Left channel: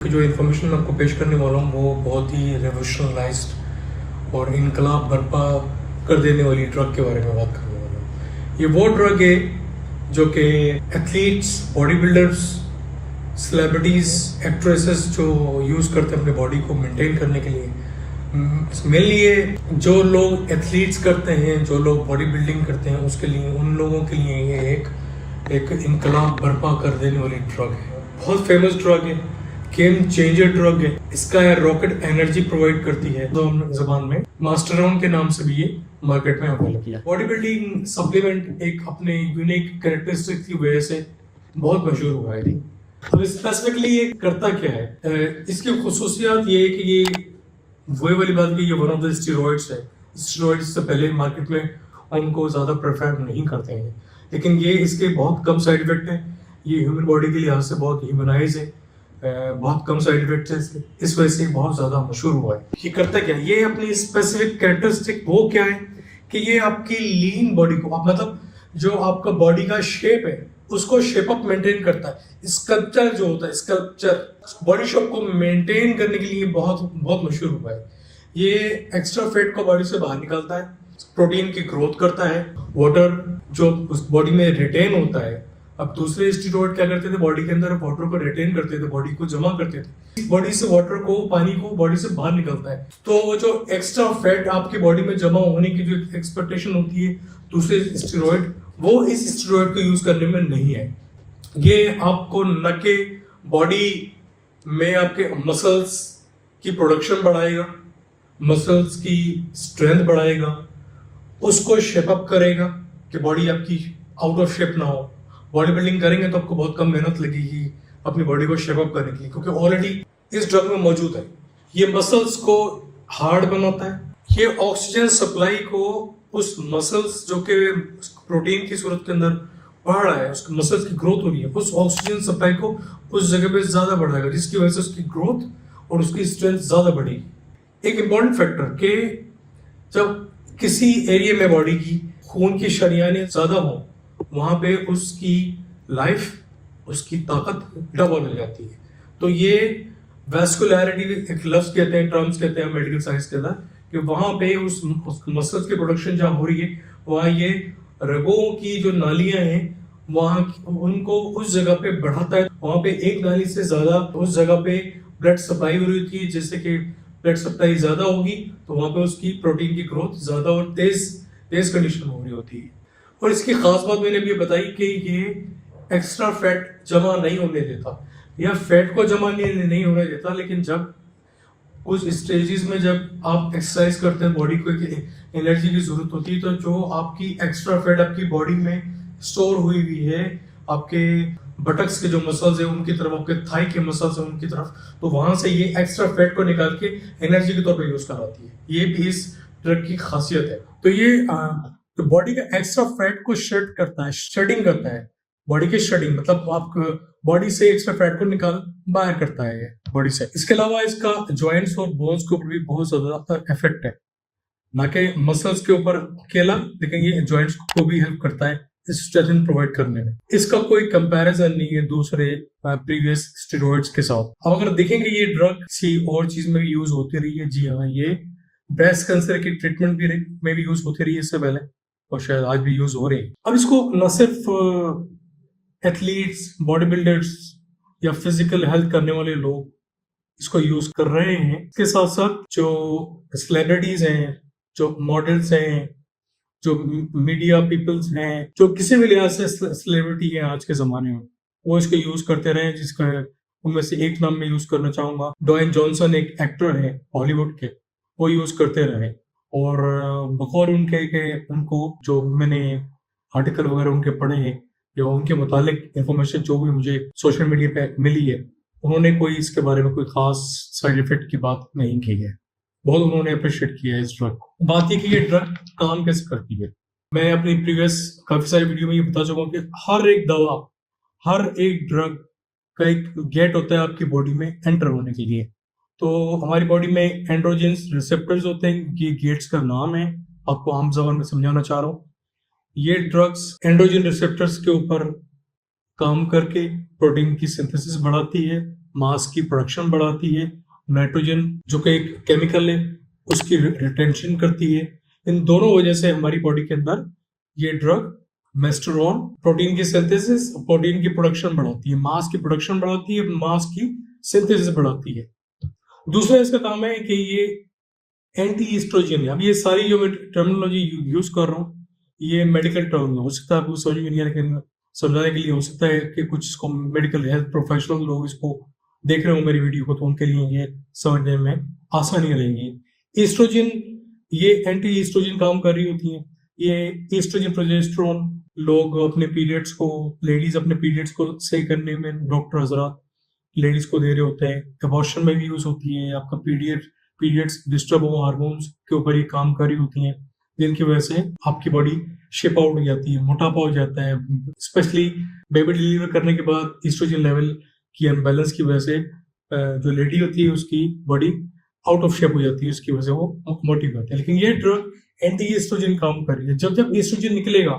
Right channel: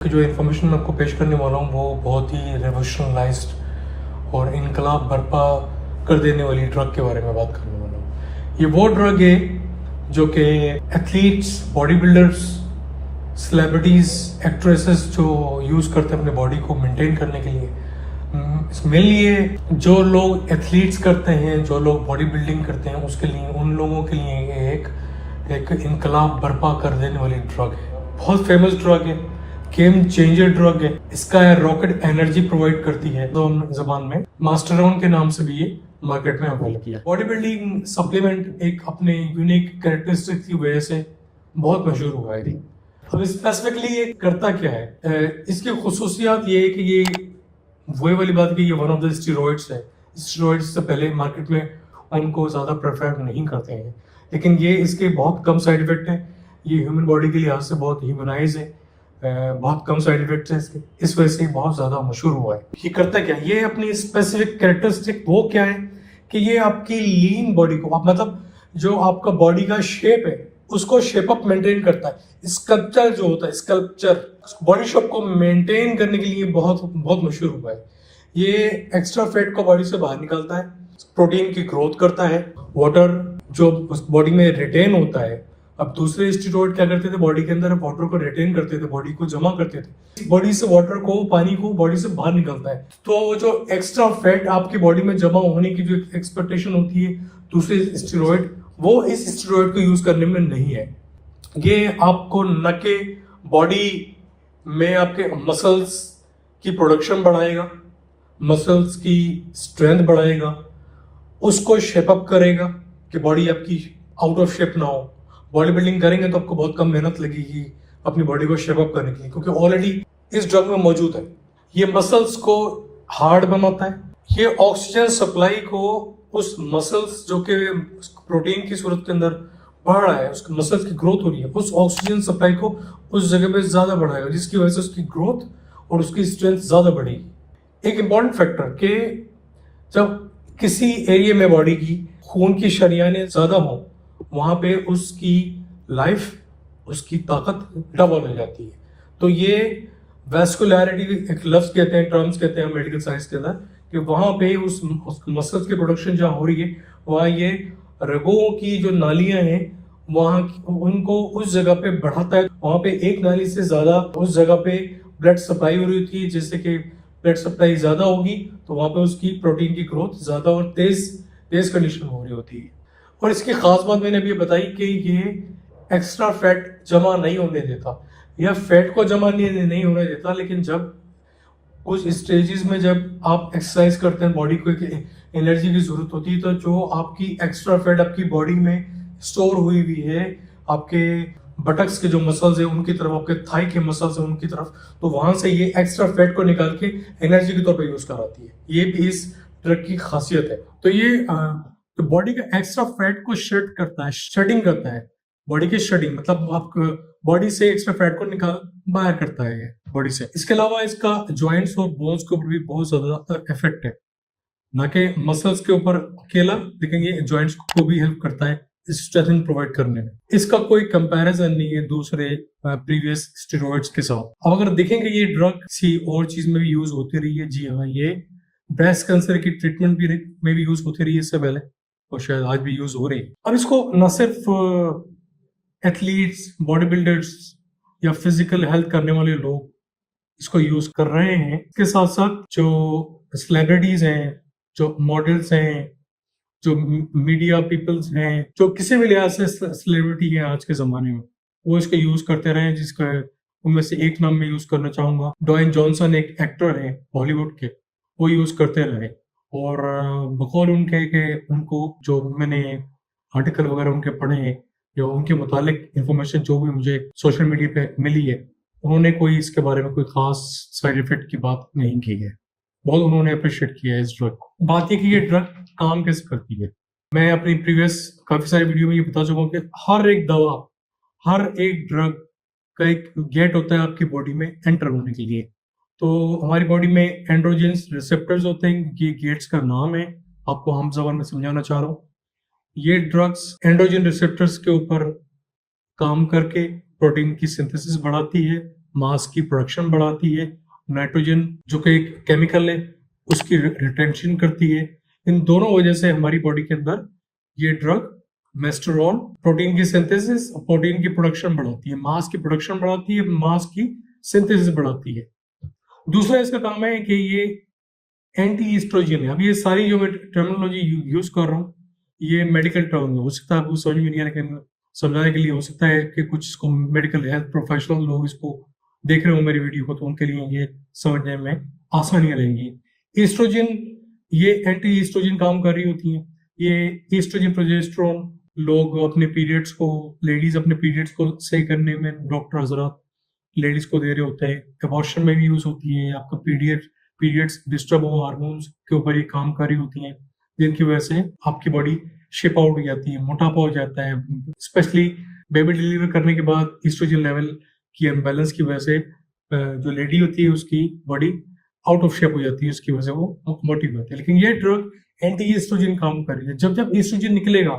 जो इन्फॉर्मेशन मैं आपको पेश करने वाला हूँ वो बहुत ही रेवोल्यूशनलाइज्ड और इनकलाब बर्पा कर देने वाली ड्रग के बारे में बात करने वाला हूँ। ये वो ड्रग है जो कि athletes, body builders, celebrities, actresses जो यूज़ करते हैं अपने बॉडी को मेंटेन करने के लिए। मेनली ये जो लोग एथलीट्स करते हैं, जो लोग बॉडी बिल्डिंग करते हैं, उसके लिए, उन लोगों के लिए ये एक इनकलाब बर्पा कर देने वाली ड्रग है। बहुत फेमस ड्रग है, गेम चेंजर ड्रग है। इसका रॉकेट एनर्जी प्रोवाइड करती है, तो जबान में मास्टरॉन के नाम से भी ये मार्केट में अवेलेबल है। बॉडी बिल्डिंग सप्लीमेंट एक अपने यूनिक कैरेक्टरिस्टिक की वजह से बहुत मशहूर हुआ है। अब स्पेसिफिकली ये करता क्या है, इसकी खुसूसियात ये है कि ये वही वाली बात की, ये वन ऑफ द स्टेरॉइड्स है। स्टेरॉइड्स से पहले मार्केट में उनको ज़्यादा प्रेफर नहीं करते हैं, लेकिन ये इसके बहुत कम साइड इफेक्ट है। ये ह्यूमन बॉडी के लिहाज से बहुत ह्यूमनाइज है, बहुत कम साइड इफेक्ट्स है इसके, इस वजह से बहुत ज़्यादा मशहूर हुआ है। ये करता क्या है, ये अपनी स्पेसिफिक कैरेक्टरिस्टिक वो क्या है कि ये आपकी लीन बॉडी को, आप मतलब जो आपका बॉडी का शेप है उसको शेप अप मेंटेन करता है। स्कल्पचर जो होता है, स्कल्पचर बॉडी शेप को मेंटेन करने के लिए बहुत बहुत मशहूर हुआ है। ये एक्स्ट्रा फैट को बॉडी से बाहर निकालता है, प्रोटीन की ग्रोथ करता है, वाटर जो उस बॉडी में रिटेन होता है। अब दूसरे स्टेरॉइड क्या करते थे, बॉडी के अंदर वाटर को रिटेन करते थे, बॉडी को जमा करते थे। बॉडी से वाटर को, पानी को बॉडी से बाहर निकलता है। तो वो जो एक्स्ट्रा फैट आपकी बॉडी में जमा होने की जो एक्सपेक्टेशन होती है दूसरे स्टेरॉइड, वो इस स्टेरॉइड को यूज करने में नहीं है। ये आपको न के बॉडी में आपके मसल्स की प्रोडक्शन बढ़ाएगा, मसल्स की स्ट्रेंथ बढ़ाएगा, उसको शेप अप करेगा कि बॉडी आपकी आउट ऑफ शेप ना हो। बॉडी बिल्डिंग करेंगे तो आपको बहुत कम मेहनत लगेगी अपनी बॉडी को शेप अप करने के लिए, क्योंकि ऑलरेडी इस ड्रग में मौजूद है। ये मसल्स को हार्ड बनाता है। ये ऑक्सीजन सप्लाई को उस मसल्स जो कि प्रोटीन की सूरत के अंदर बढ़ रहा है, उसके मसल्स की ग्रोथ हो रही है, उस ऑक्सीजन सप्लाई को उस जगह पे ज्यादा बढ़ाएगा, जिसकी वजह से उसकी ग्रोथ और उसकी स्ट्रेंथ ज्यादा बढ़ेगी। एक इंपॉर्टेंट फैक्टर कि जब किसी एरिया में बॉडी की खून की शरियानें ज्यादा हो, वहां पे उसकी लाइफ, उसकी ताकत डबल हो जाती है। तो ये वैस्कुलैरिटी एक लफ्ज कहते हैं, टर्म्स कहते हैं मेडिकल साइंस के अंदर, कि वहां पे उस मसल्स की प्रोडक्शन जहां हो रही है, वहां ये रगों की जो नालियां हैं वहां उनको उस जगह पे बढ़ाता है। वहां पे एक नाली से ज्यादा उस जगह पे ब्लड सप्लाई हो रही होती है, जिससे कि ब्लड सप्लाई ज्यादा होगी तो वहां पे उसकी प्रोटीन की ग्रोथ ज्यादा और तेज कंडीशन हो रही होती है। और इसकी खास बात मैंने अभी बताई कि ये एक्स्ट्रा फैट जमा नहीं होने देता, या फैट को जमा नहीं होने देता, लेकिन जब उस स्टेजेस में जब आप एक्सरसाइज करते हैं, बॉडी को एनर्जी की जरूरत होती है, तो जो आपकी एक्स्ट्रा फैट आपकी बॉडी में स्टोर हुई हुई है, आपके बटक्स के जो मसल्स है उनकी तरफ, आपके थाई के मसल्स है उनकी तरफ, तो वहां से ये एक्स्ट्रा फैट को निकाल के एनर्जी के तौर पर यूज कराती है। ये भी इस ड्रग की खासियत है। तो ये तो बॉडी का एक्स्ट्रा फैट को शेड करता है, शेडिंग करता है। बॉडी की शेडिंग मतलब आप बॉडी से एक्स्ट्रा फैट को निकाल बाहर करता है बॉडी से। इसके अलावा इसका जॉइंट्स और बोन्स के ऊपर भी बहुत ज्यादा इफेक्ट है, ना कि मसल्स के ऊपर अकेला, लेकिन ये जॉइंट्स को भी हेल्प करता है स्ट्रेचिंग प्रोवाइड करने में। इसका कोई कंपैरिजन नहीं है दूसरे प्रीवियस स्टेरॉइड्स के साथ। अब अगर देखेंगे ये ड्रग किसी और चीज में भी यूज होती रही है, जी हाँ, ये ब्रेस्ट कैंसर की ट्रीटमेंट भी में भी यूज होती रही है इससे पहले, और शायद आज भी यूज हो रही है। अब इसको न सिर्फ एथलीट्स, बॉडी बिल्डर्स या फिजिकल हेल्थ करने वाले लोग इसको यूज कर रहे हैं, इसके साथ साथ जो सेलिब्रिटीज हैं, जो मॉडल्स हैं, जो मीडिया पीपल्स हैं, जो किसी भी लिहाज से सेलिब्रिटी है आज के जमाने में, वो इसको यूज करते रहे। जिसका उनमें से एक नाम मैं यूज करना चाहूंगा, ड्वेन जॉनसन एक एक्टर है हॉलीवुड के, वो यूज करते रहे। और बकौल उनके के उनको जो मैंने आर्टिकल वगैरह उनके पढ़े हैं, या उनके मुतालिक इंफॉर्मेशन जो भी मुझे सोशल मीडिया पे मिली है, उन्होंने कोई इसके बारे में कोई खास साइड इफेक्ट की बात नहीं की है। बहुत उन्होंने अप्रिशिएट किया है इस ड्रग को। बात यह कि ये ड्रग काम कैसे करती है, मैं अपनी प्रीवियस काफी सारी वीडियो में ये बता चुका हूँ कि हर एक दवा, हर एक ड्रग का एक गेट होता है आपकी बॉडी में एंटर होने के लिए। तो हमारी बॉडी में एंड्रोजेंस रिसेप्टर्स होते हैं, ये गेट्स का नाम है, आपको आम जबान में समझाना चाह रहा हूँ। ये ड्रग्स एंड्रोजन रिसेप्टर्स के ऊपर काम करके प्रोटीन की सिंथेसिस बढ़ाती है, मास की प्रोडक्शन बढ़ाती है, नाइट्रोजन जो कि एक केमिकल है उसकी रिटेंशन करती है। इन दोनों वजह से हमारी बॉडी के अंदर ये ड्रग मेस्टेरोन प्रोटीन की सिंथेसिस, प्रोटीन की प्रोडक्शन बढ़ाती है, मास की प्रोडक्शन बढ़ाती है, मास की सिंथेसिस बढ़ाती है। दूसरा इसका काम है कि ये एंटी ईस्ट्रोजन है। अब ये सारी जो मैं टर्मिनोलॉजी यूज कर रहा हूँ ये मेडिकल टर्म हो सकता है आपको समझ में नहीं आ, लेकिन समझाने के लिए हो सकता है कि कुछ इसको मेडिकल हेल्थ प्रोफेशनल लोग इसको देख रहे हो मेरी वीडियो को, तो उनके लिए ये समझने में आसानियां रहेंगी। ईस्ट्रोजन, ये एंटी ईस्ट्रोजन काम कर रही होती हैं। ये ईस्ट्रोजन प्रोजेस्टेरोन लोग अपने पीरियड्स को, लेडीज अपने पीरियड्स को सही करने में डॉक्टर हजरात लेडीज को दे रहे होते हैं। अबॉर्शन में भी यूज होती है। आपका पीरियड्स डिस्टर्ब हो, हार्मोन्स के ऊपर ये काम कर रही होती हैं, जिनकी वजह से आपकी बॉडी शेप आउट हो जाती है, मोटापा हो जाता है। स्पेशली बेबी डिलीवर करने के बाद ईस्ट्रोजन लेवल की अनबैलेंस की वजह से जो लेडी होती है उसकी बॉडी आउट ऑफ शेप हो जाती है, उसकी वजह से वो मोटी हो जाती है। लेकिन ये ड्रग एंटी ईस्ट्रोजन काम कर रही है। जब जब ईस्ट्रोजन निकलेगा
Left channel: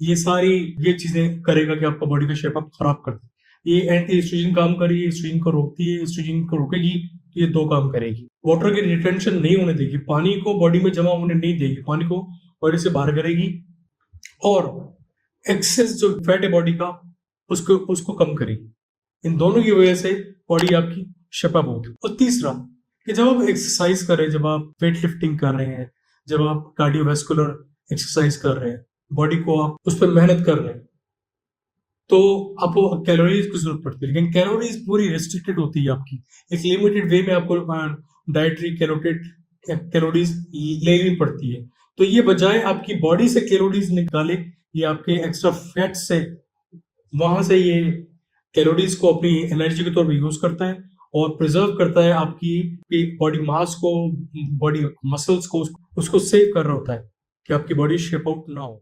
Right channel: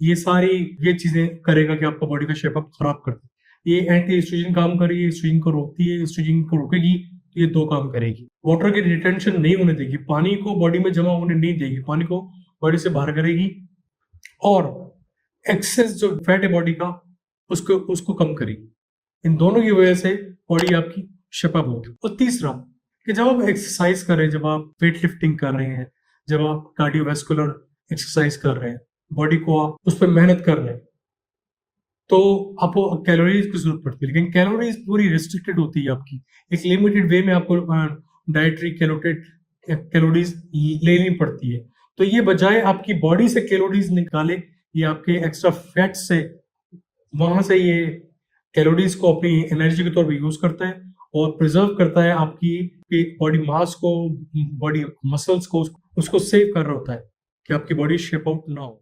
ये सारी ये चीजें करेगा कि आपका बॉडी का शेप अप खराब कर दे। ये एंटी एस्ट्रोजन काम कर रही है, एस्ट्रोजन को रोकती है, एस्ट्रोजन को रोकेगी, ये दो काम करेगी। वाटर की रिटेंशन नहीं होने देगी, पानी को बॉडी में जमा होने नहीं देगी, पानी को बॉडी से बाहर करेगी, और एक्सेस जो फैट है बॉडी का उसको कम करेगी। इन दोनों की वजह से बॉडी आपकी शेप अप होगी। और तीसरा कि जब आप एक्सरसाइज कर रहे हैं, जब आप वेट लिफ्टिंग कर रहे हैं, जब आप कार्डियोवैस्कुलर एक्सरसाइज कर रहे हैं, बॉडी को आप उस पर मेहनत कर रहे हैं, तो आपको कैलोरीज की जरूरत पड़ती है। लेकिन कैलोरीज पूरी रिस्ट्रिक्टेड होती है आपकी, एक लिमिटेड वे में आपको डाइटरी कैलोरीज लेनी पड़ती है। तो ये बजाय आपकी बॉडी से कैलोरीज निकाले, ये आपके एक्स्ट्रा फैट से वहां से ये कैलोरीज को अपनी एनर्जी के तौर पर यूज करता है और प्रिजर्व करता है आपकी बॉडी मास को, बॉडी मसल्स को, उसको सेव कर रहा होता है कि आपकी बॉडी शेप आउट ना हो।